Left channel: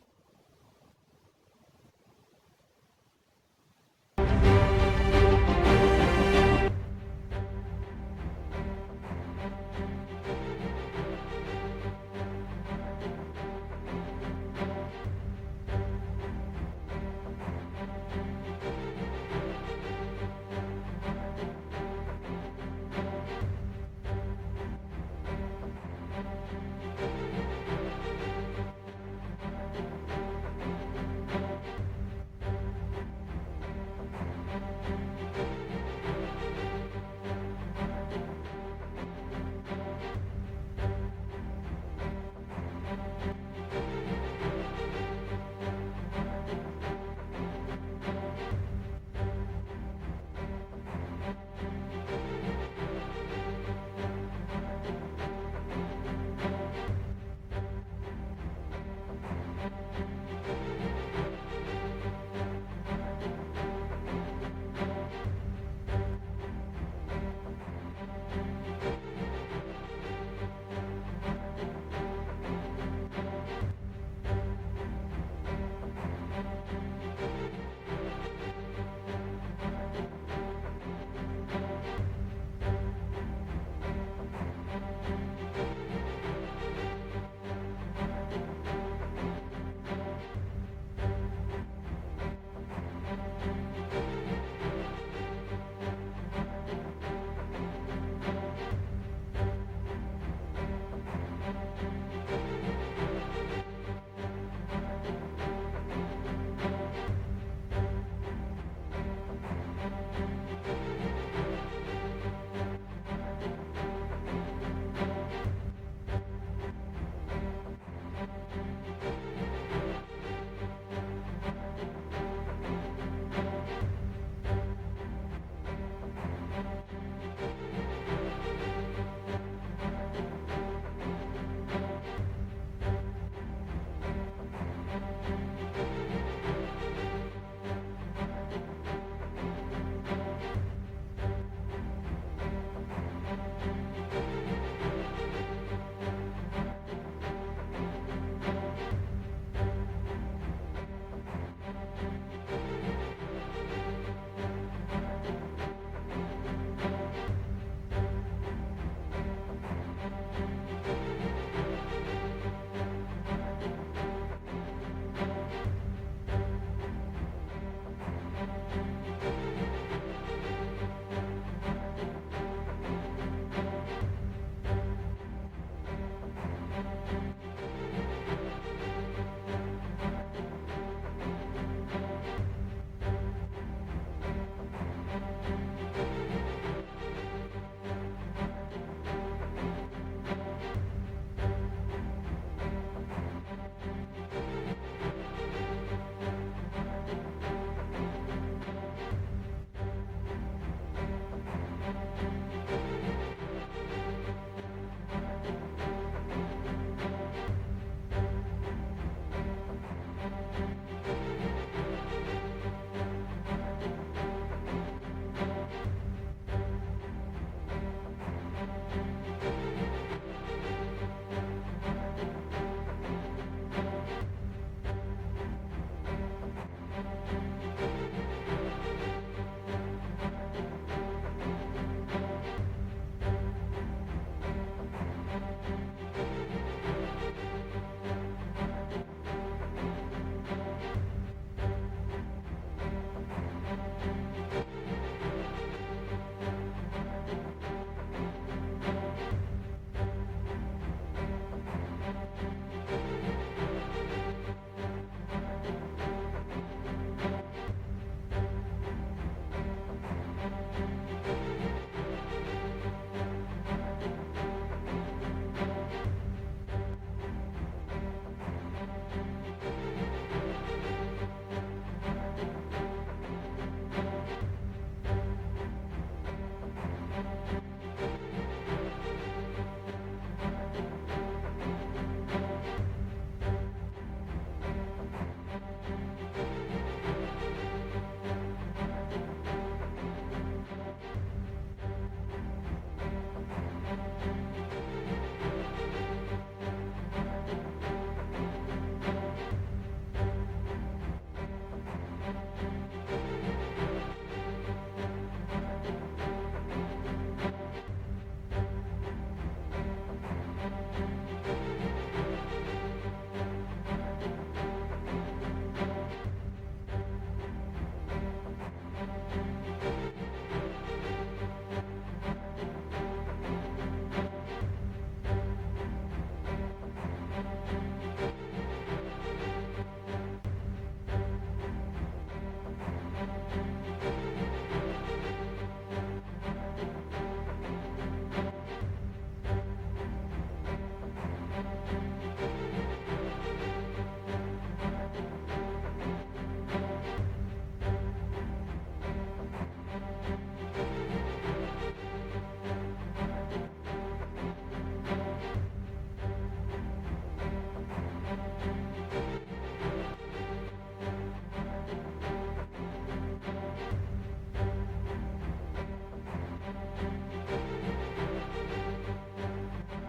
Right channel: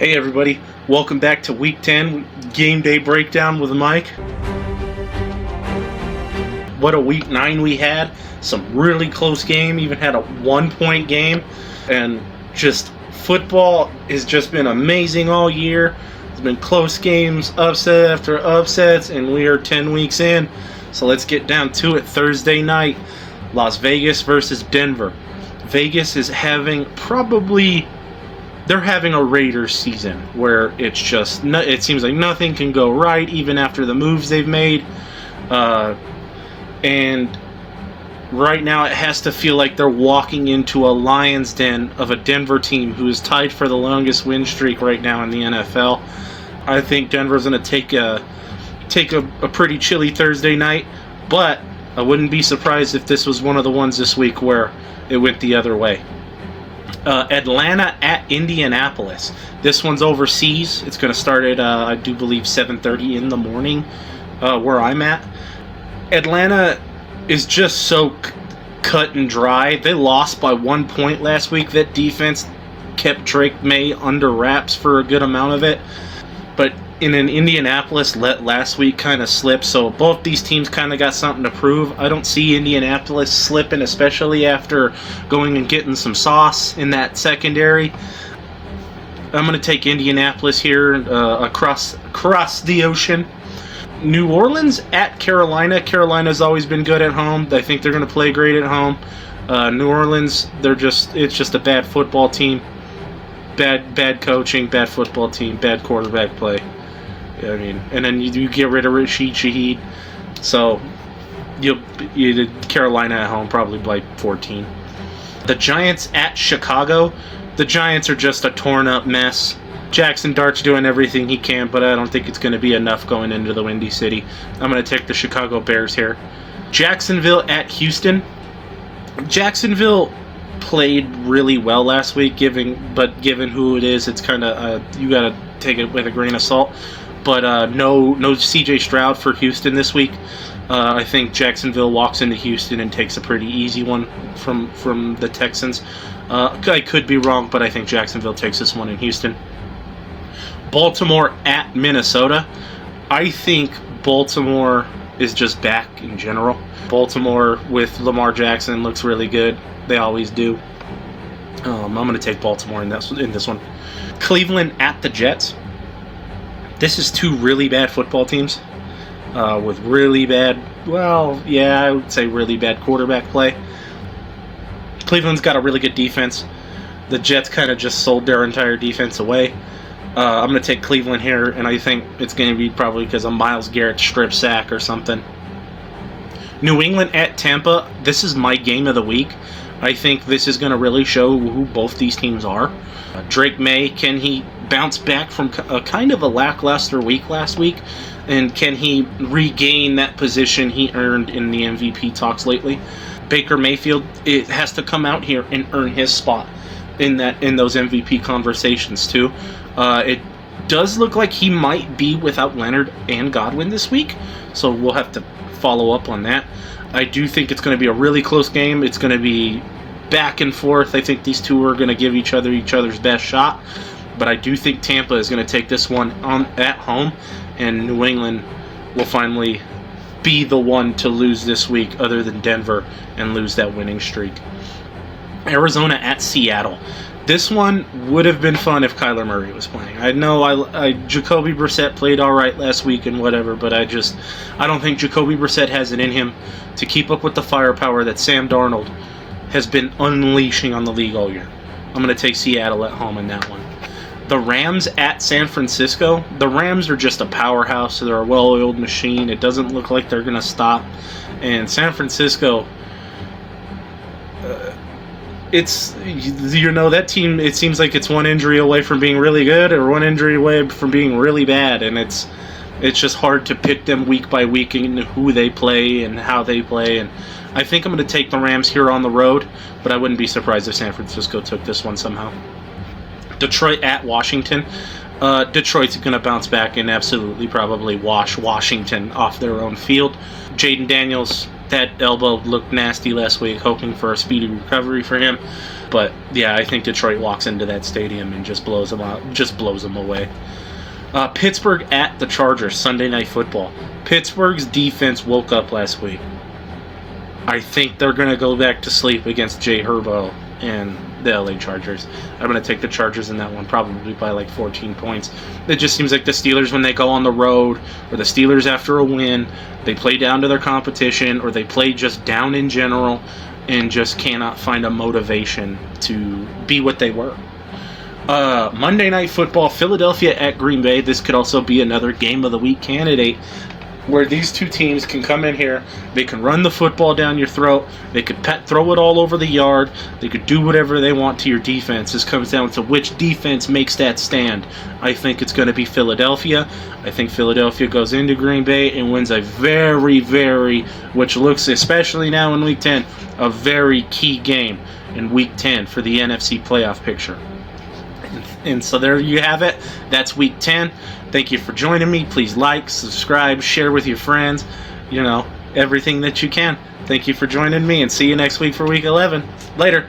Hey everybody, welcome back to Week 10 Game Day Breakdown with Mike. What a Week 9 we had. Some really close game, even had a 1-point game. And just football has just been amazing all year. It's been close games, upset after upsets, and we are 10 weeks in. So let's get down to it. Thursday night, Las Vegas versus Denver. Vegas is having they're having a Raiders season where it seems like nothing can go right even after the moves they've made. And right now it has to feel like they're walking into a lion's den of a Denver team who is tied for the longest win streak right now in the NFL. I think Denver's going to take a pretty chilly Thursday night, but I wouldn't be surprised if this was one of the ones this week where it went the other way. Atlanta at Indianapolis. This one's overseas. It's going to start at, I do believe, 7:30 in the morning where I'm at. Atlanta is just so cut and dry. They lost by 1 point last week. That defense kept Drake May under wraps for a good amount of it. But in Indianapolis let last week kind of slip, so both these teams kind of got something to prove. I don't see Indianapolis slipping, especially after going and getting some sauce in that secondary. I'm going to take Indianapolis here across the ocean. New Orleans at Carolina. Carolina's always been good at home. I think they're going to play great at home. New Orleans, it's just a bad football team. Bad coaching, bad football team, bad quarterback play. I mean, and then you get rid of Rashid Shaheed, so you Carolina at home probably by 14. The Giants at Chicago. The Giants are just a torn up mess. Jackson Dart's doing everything he can, but I don't think it's going to be enough going into the Windy City. I'm going to take the Chicago Bears here. Jacksonville at Houston. Jacksonville played really well last week, given who it is, it's kind of you got to take it with a grain of salt. But no C.J. Stroud for Houston this week. I think Jacksonville walks into Houston and takes a pretty easy one from the Texans. I could be wrong, but I think Jacksonville takes this one in Houston. Baltimore at Minnesota. I think Baltimore is just back in general. Baltimore with Lamar Jackson looks really good. They always do. I'm going to take Baltimore in this one. Cleveland at the Jets. This is two really bad football teams with really bad, I would say really bad quarterback play. Cleveland's got a really good defense. The Jets kind of just sold their entire defense away. I'm going to take Cleveland here, and I think it's going to be probably because of Myles Garrett's strip sack or something. New England at Tampa. This is my game of the week. I think this is going to really show who both these teams are. Drake May, can he bounce back from a kind of a lackluster week last week? And can he regain that position he earned in the MVP talks lately? Baker Mayfield, it has to come out here and earn his spot in those MVP conversations too. It does look like he might be without Leonard and Godwin this week, so we'll have to follow up on that. I do think it's going to be a really close game. It's going to be back and forth. I think these two are going to give each other's best shot, but I do think Tampa is going to take this one at home, and New England will finally be the one to lose this week other than Denver and lose that winning streak. Arizona at Seattle. This one would have been fun if Kyler Murray was playing. I know Jacoby Brissett played all right last week and whatever, but I don't think Jacoby Brissett has it in him to keep up with the firepower that Sam Darnold has been unleashing on the league all year. I'm going to take Seattle at home in that one. The Rams at San Francisco. The Rams are just a powerhouse. They're a well-oiled machine. It doesn't look like they're going to stop. And San Francisco, that team, it seems like it's one injury away from being really good or one injury away from being really bad, and it's just hard to pick them week by week and who they play and how they play. And I think I'm going to take the Rams here on the road, but I wouldn't be surprised if San Francisco took this one somehow. Detroit at Washington. Detroit's going to bounce back and absolutely probably wash Washington off their own field. Jaden Daniels That elbow looked nasty last week, hoping for a speedy recovery for him. But yeah, I think Detroit walks into that stadium and just blows them out, just blows them away. Pittsburgh at the Chargers, Sunday Night Football. Pittsburgh's defense woke up last week. I think they're going to go back to sleep against Jay Herbo and the LA Chargers. I'm going to take the Chargers in that one, probably by like 14 points. It just seems like the Steelers, when they go on the road, or the Steelers after a win, they play down to their competition, or they play just down in general and just cannot find a motivation to be what they were. Monday Night Football, Philadelphia at Green Bay. This could also be another Game of the Week candidate, where these two teams can come in here, they can run the football down your throat, they could throw it all over the yard, they could do whatever they want to your defense. This comes down to which defense makes that stand. I think it's going to be Philadelphia. I think Philadelphia goes into Green Bay and wins a very, which looks, especially now in Week 10, a very key game in Week 10 for the NFC playoff picture. And so there you have it. That's Week 10. Thank you for joining me. Please like, subscribe, share with your friends. You know, everything that you can. Thank you for joining me, and see you next week for Week 11. Later.